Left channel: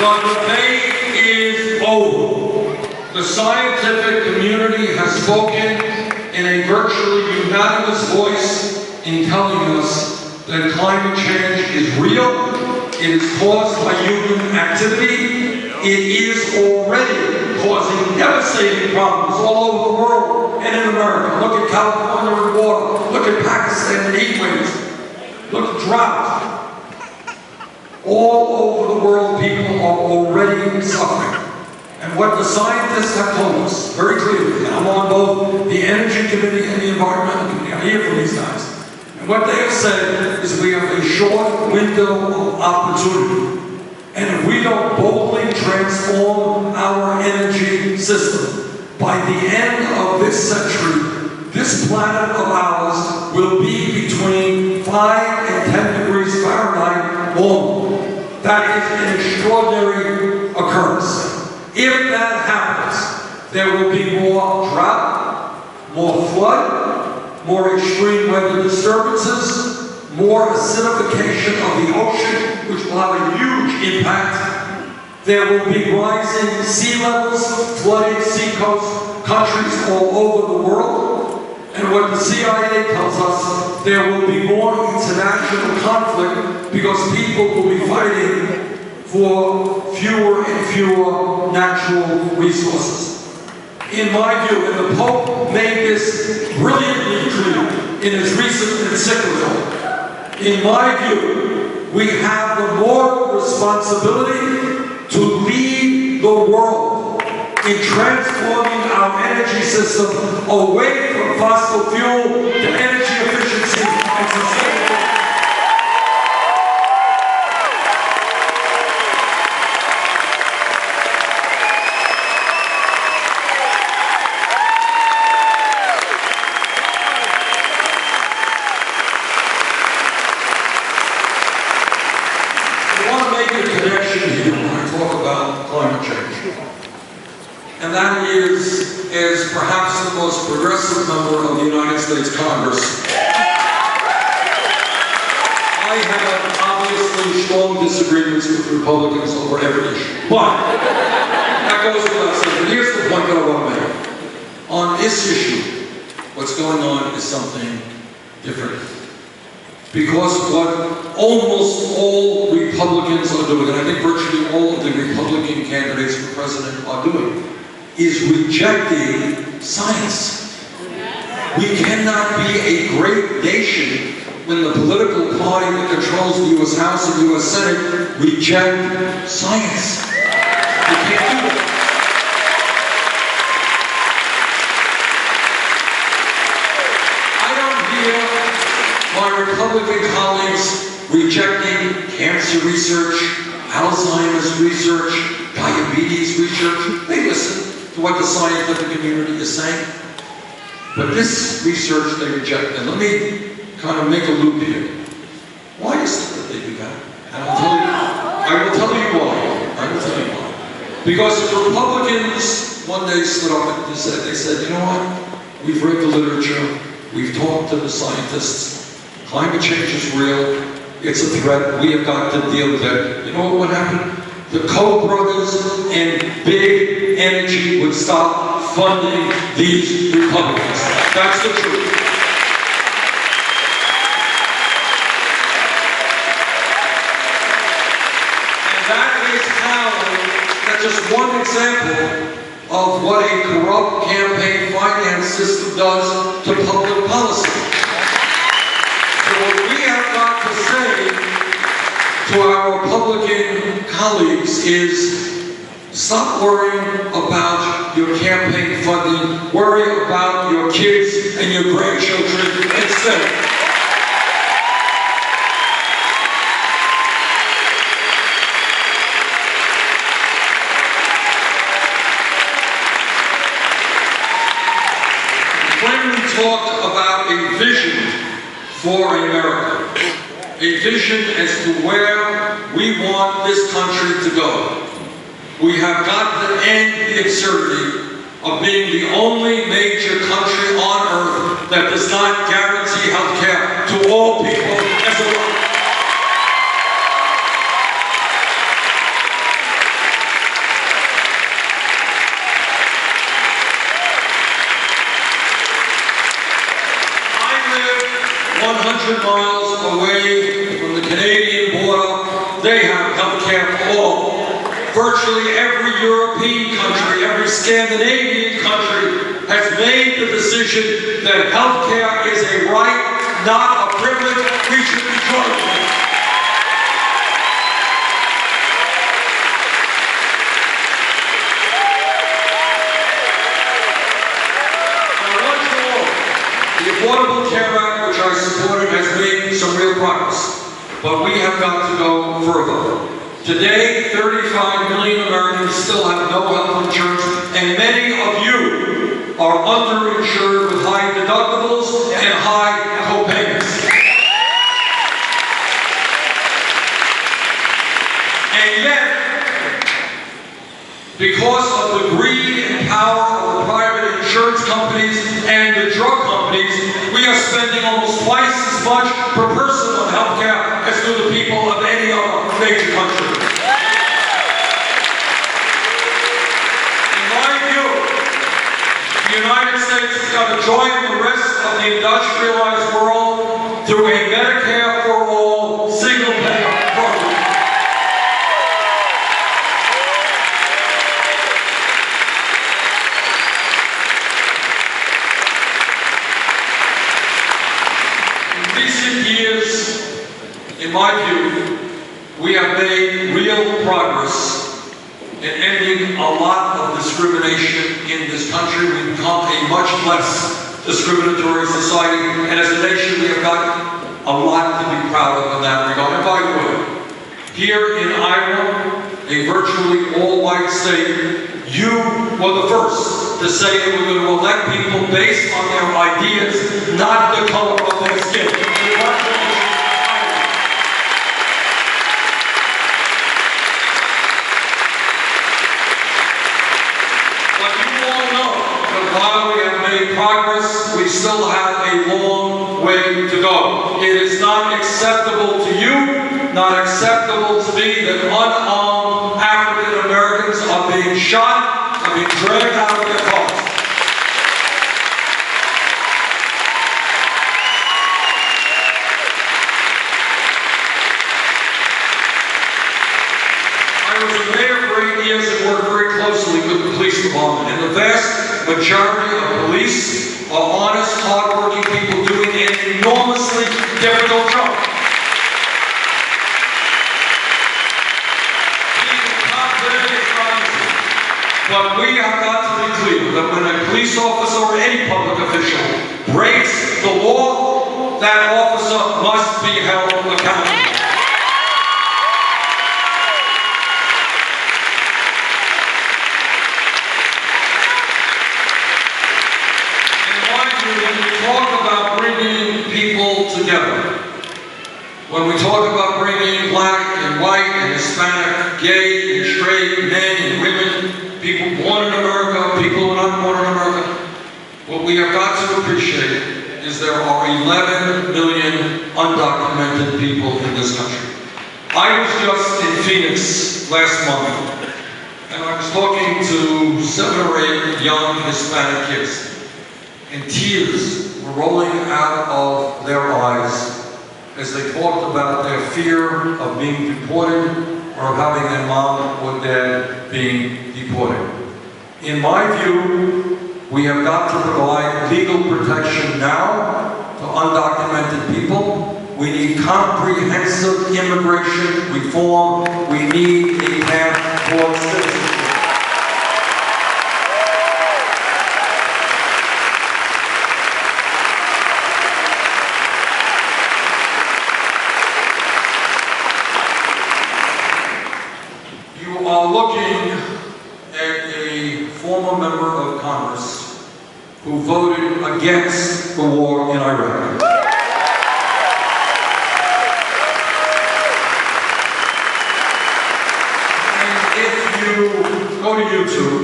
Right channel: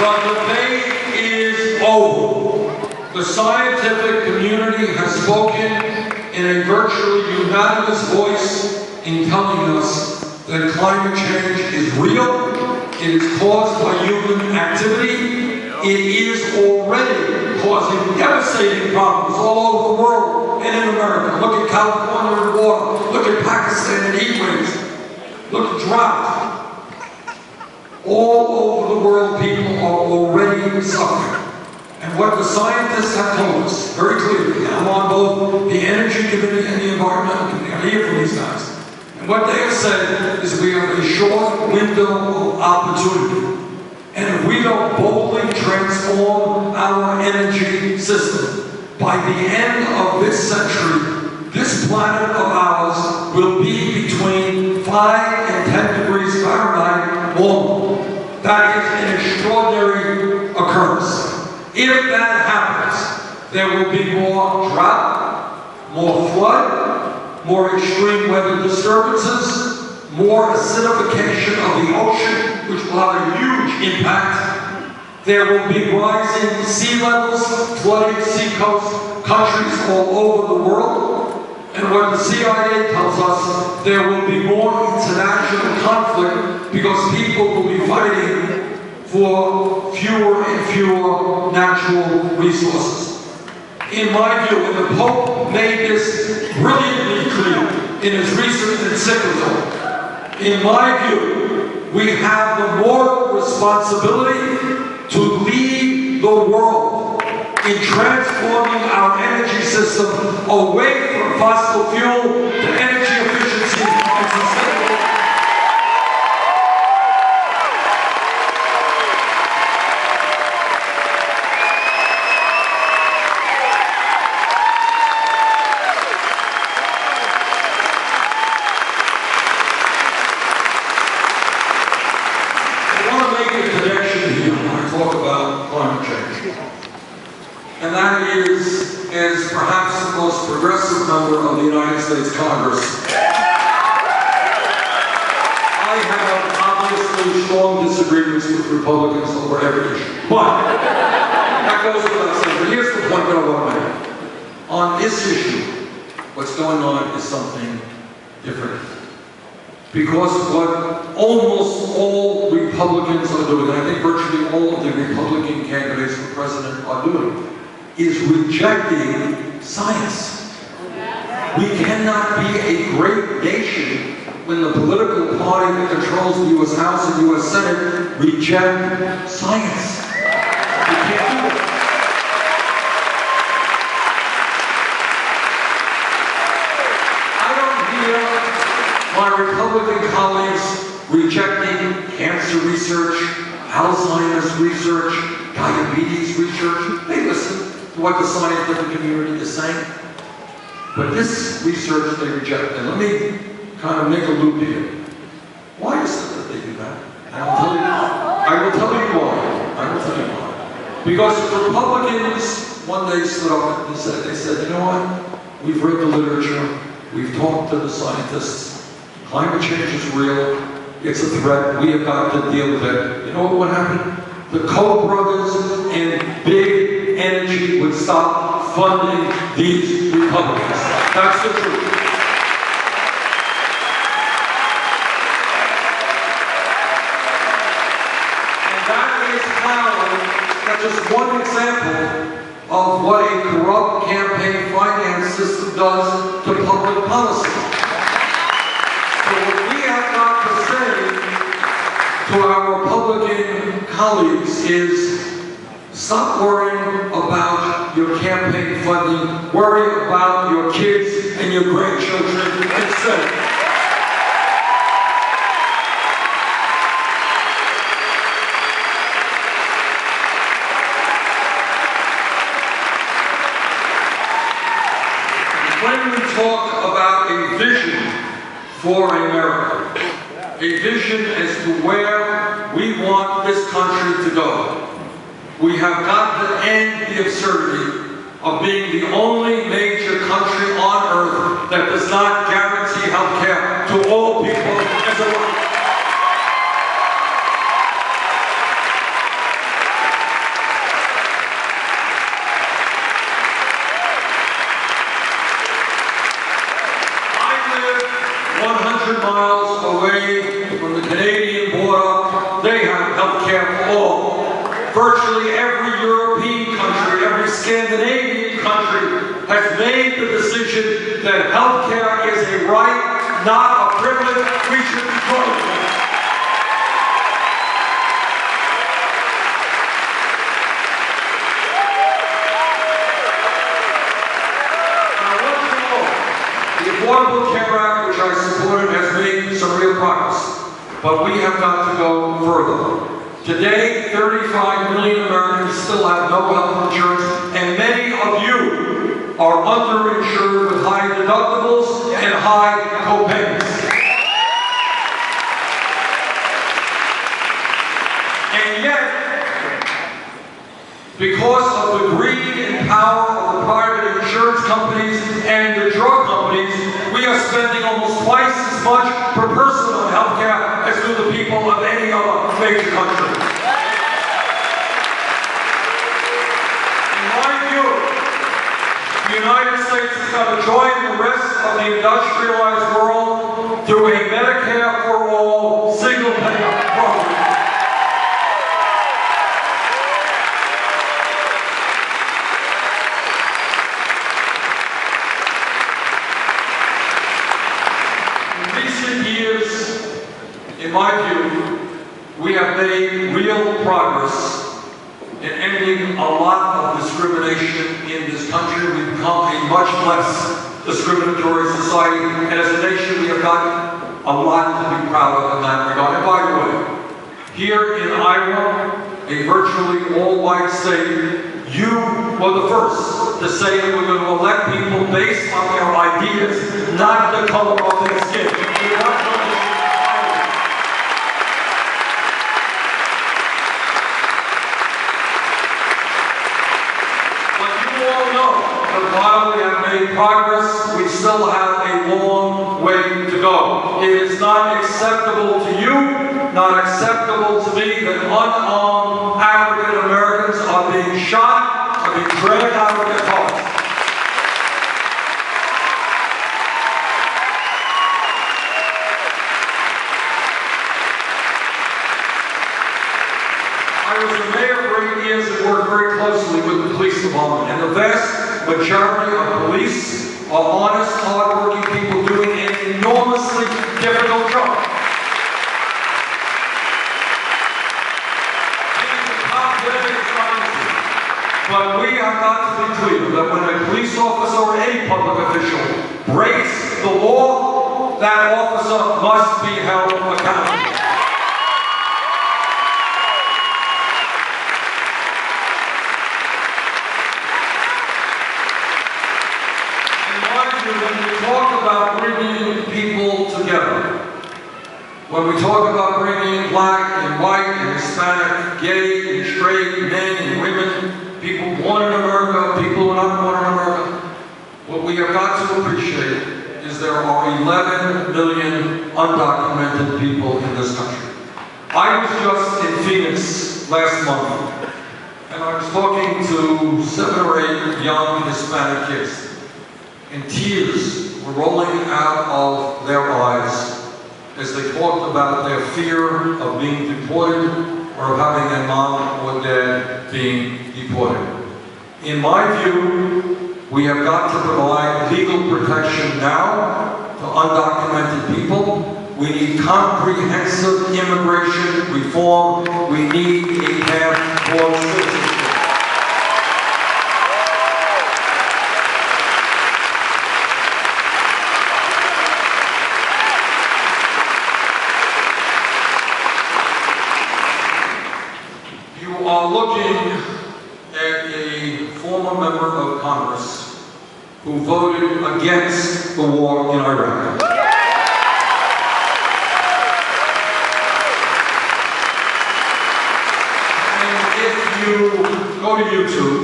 The debate is over. The scientific community has spoken in a virtually unanimous voice in telling us that climate change is real, it is caused by human activity, it is already causing devastating problems all over the world and in America. Look at California and water, look at Pakistan and heat waves, look at drought. All over the world, people are already suffering. And what the scientists have told us very clearly, and I'm on both the Energy Committee and the Environmental Committee, I hear from these guys, and what they have said is we have a short window of opportunity. And if we don't boldly transform our energy system, by the end of this century, this planet of ours will be between 5 and 10 degrees Fahrenheit warm. That is an extraordinary occurrence. If that happens, there will be more drought, more flood, more extreme weather disturbances, more acidification of the ocean, which will have a huge impact. There will be rising sea levels, flooding seacoast countries all over the world. And what the CIA tells us, there will be more international conflict because people will be fighting for fewer and fewer natural resources. In my view, and the Pope made this brilliantly clear in his recent encyclical, in my view, we have the moral responsibility to lead the world in transforming our energy system away from fossil fuel to energy efficiency and sustainability. I want to make a connection here when I talk about climate change. And that is, as perhaps the most progressive member of the United States Congress, I have obviously strong disagreements with Republicans over every issue. But that goes without saying. But here's the point that I want to make. On this issue, what's going on is something different. Because what almost all Republicans are doing, and I think virtually all of the Republican candidates for president are doing, is rejecting science. We cannot be a great nation when the political party that controls the U.S. House and U.S. Senate reject science. We can't do it. I don't hear my Republican colleagues rejecting cancer research, Alzheimer's research, diabetes research. They listen to what the scientific community is saying. But this research they reject. And let me kind of make a loop here. Why is it that they do that? And I will tell you why. I will tell you why. Because if Republicans one day stood up and they said, you know what? We've read the literature. We've talked to the scientists. Climate change is real. It's a threat. We have got to deal with it. You know what would happen? The Koch brothers and big energy would stop funding these Republicans. That's the truth. And that is how, that's just one example of what a corrupt campaign finance system does to public policy. So what we have got to say to our Republican colleagues is stop worrying about your campaign funding, worry about your kids and your grandchildren instead. When we talk about a vision for America, a vision as to where we want this country to go, we have got to end the absurdity of being the only major country on earth that does not guarantee health care to all people as a right. they have health care for all. Virtually every European country, every Scandinavian country has made the decision that health care is a right, not a privilege. We should enjoy it. The Affordable Care Act, which I supported, has made some real progress, but we have got to go further. Today, 35 million Americans still have no health insurance, and many of you are underinsured with high deductibles and high co-payments. And yet, because of the greed and power of the private insurance companies and the drug companies, we are spending almost twice as much per person on health care as do the people of any other major country. In my view, the United States has got to join the rest of the industrialized world through a Medicare for all single-payer program. In my view, we have made real progress in ending a lot of discrimination in this country. We've become a much less discriminatory society, and as a nation, we have got a lot to be proud of in that regard. And by the way, here in Iowa, a virtually all-white state, you were the first to say that we're going to elect people based on their ideas, not the color of their skin. While we have made progress, we still have a long way to go. It is not acceptable to you, not acceptable to me, that unarmed African Americans are being shot, are being dragged out of their cars. I was a mayor for 8 years and worked very closely with the police department, and the vast majority of police are honest, hard-working people doing an enormously difficult job. Being the top today is not easy, but we have got to be clear that when a police officer or any public official breaks the law, that officer must be held accountable. When we talk about bringing people together, when we talk about bringing black and white and Hispanic, gay and straight, men and women, people born in America, people who are not born in America, what we have got to appreciate is there are 11 million undocumented people in this country. I was just in Phoenix last month, and I was talking to 7 or 8 young Hispanic kids. And tears were rolling out of their eyes as they talked about their fear of being deported or of having their mom or dad being deported. In my view, we have got to provide legal protection now to undocumented people. We need comprehensive immigration reform. We need a path for citizenship. Are looking at a former member of Congress who voted against the war in Iraq. And if you go to YouTube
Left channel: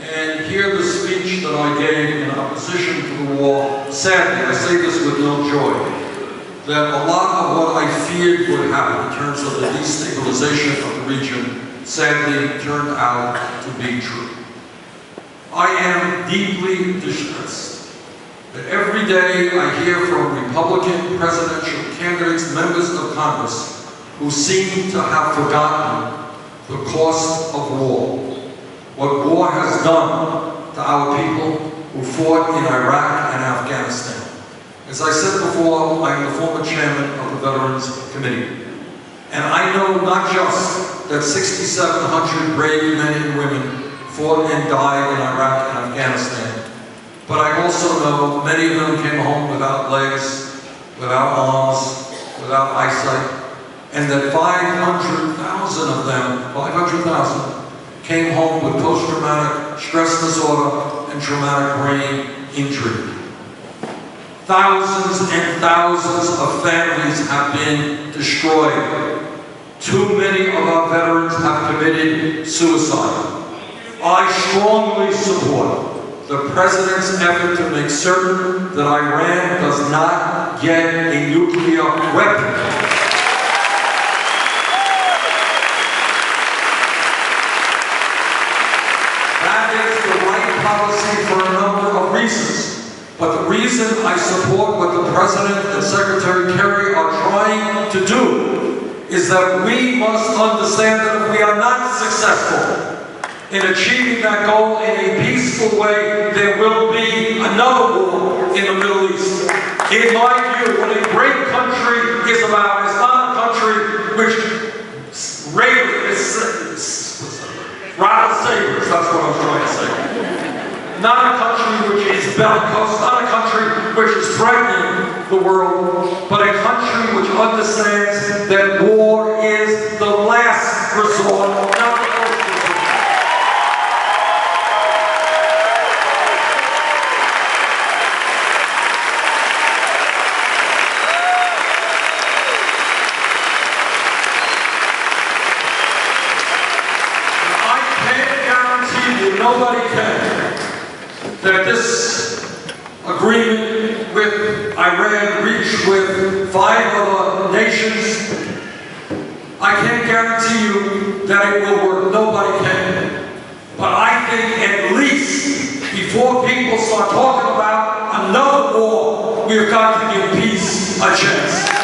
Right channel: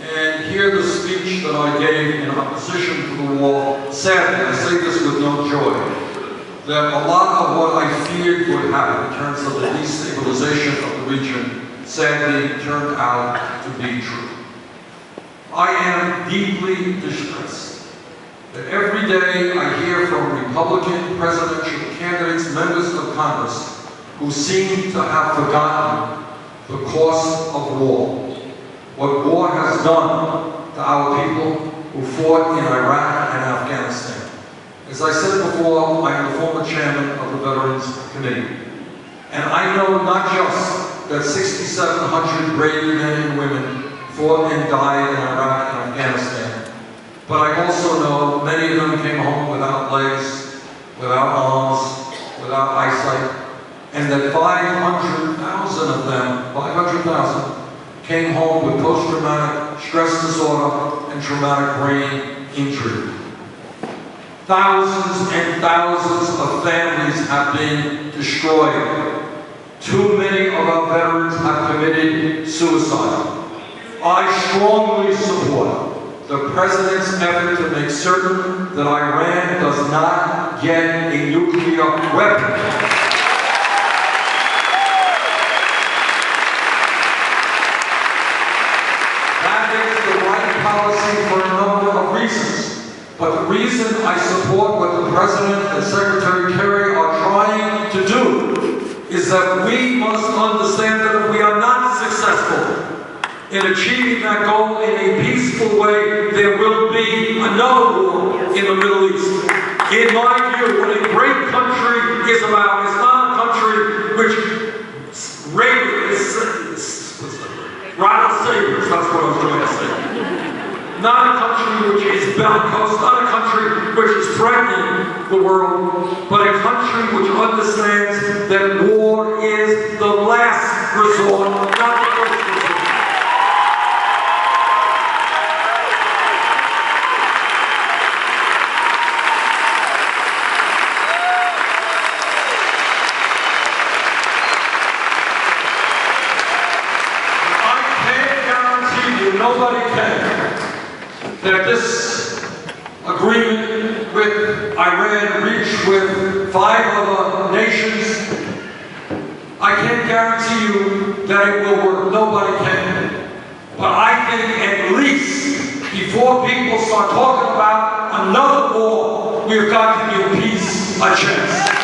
and hear the speech that I gave in opposition to the war, sadly, I say this with no joy, that a lot of what I feared would happen in terms of the destabilization of the region sadly turned out to be true. I am deeply distressed that every day I hear from Republican presidential candidates, members of Congress, who seem to have forgotten the cost of war, what war has done to our people who fought in Iraq and Afghanistan. As I said before, I am the former chairman of the Veterans Committee. And I know not just that 6,700 brave men and women fought and died in Iraq and Afghanistan, but I also know many of them came home without legs, without arms, without eyesight, and that 500,000 of them, 500,000, came home with post-traumatic stress disorder and traumatic brain injury. Thousands and thousands of families have been destroyed. Too many of our veterans have committed suicide. I strongly support the President's effort to make certain that Iran does not get a nuclear weapon. That is the right policy for a number of reasons. But the reason I support what the President and Secretary Kerry are trying to do is that we must understand that if we are not successful in achieving that goal in a peaceful way, there will be another war in the Middle East. In my view, what a great country is about is not a country which rattle sabers, that's what I was trying to say. Not a country which is bellicose, not a country which is threatening the world, but a country which understands that war is the last resort, not the first resort. I can't guarantee you, nobody can, that this agreement with Iran reached with 5 other nations, I can't guarantee you that it will work. Nobody can. But I think at least before people start talking about another war, we've got to give peace a chance.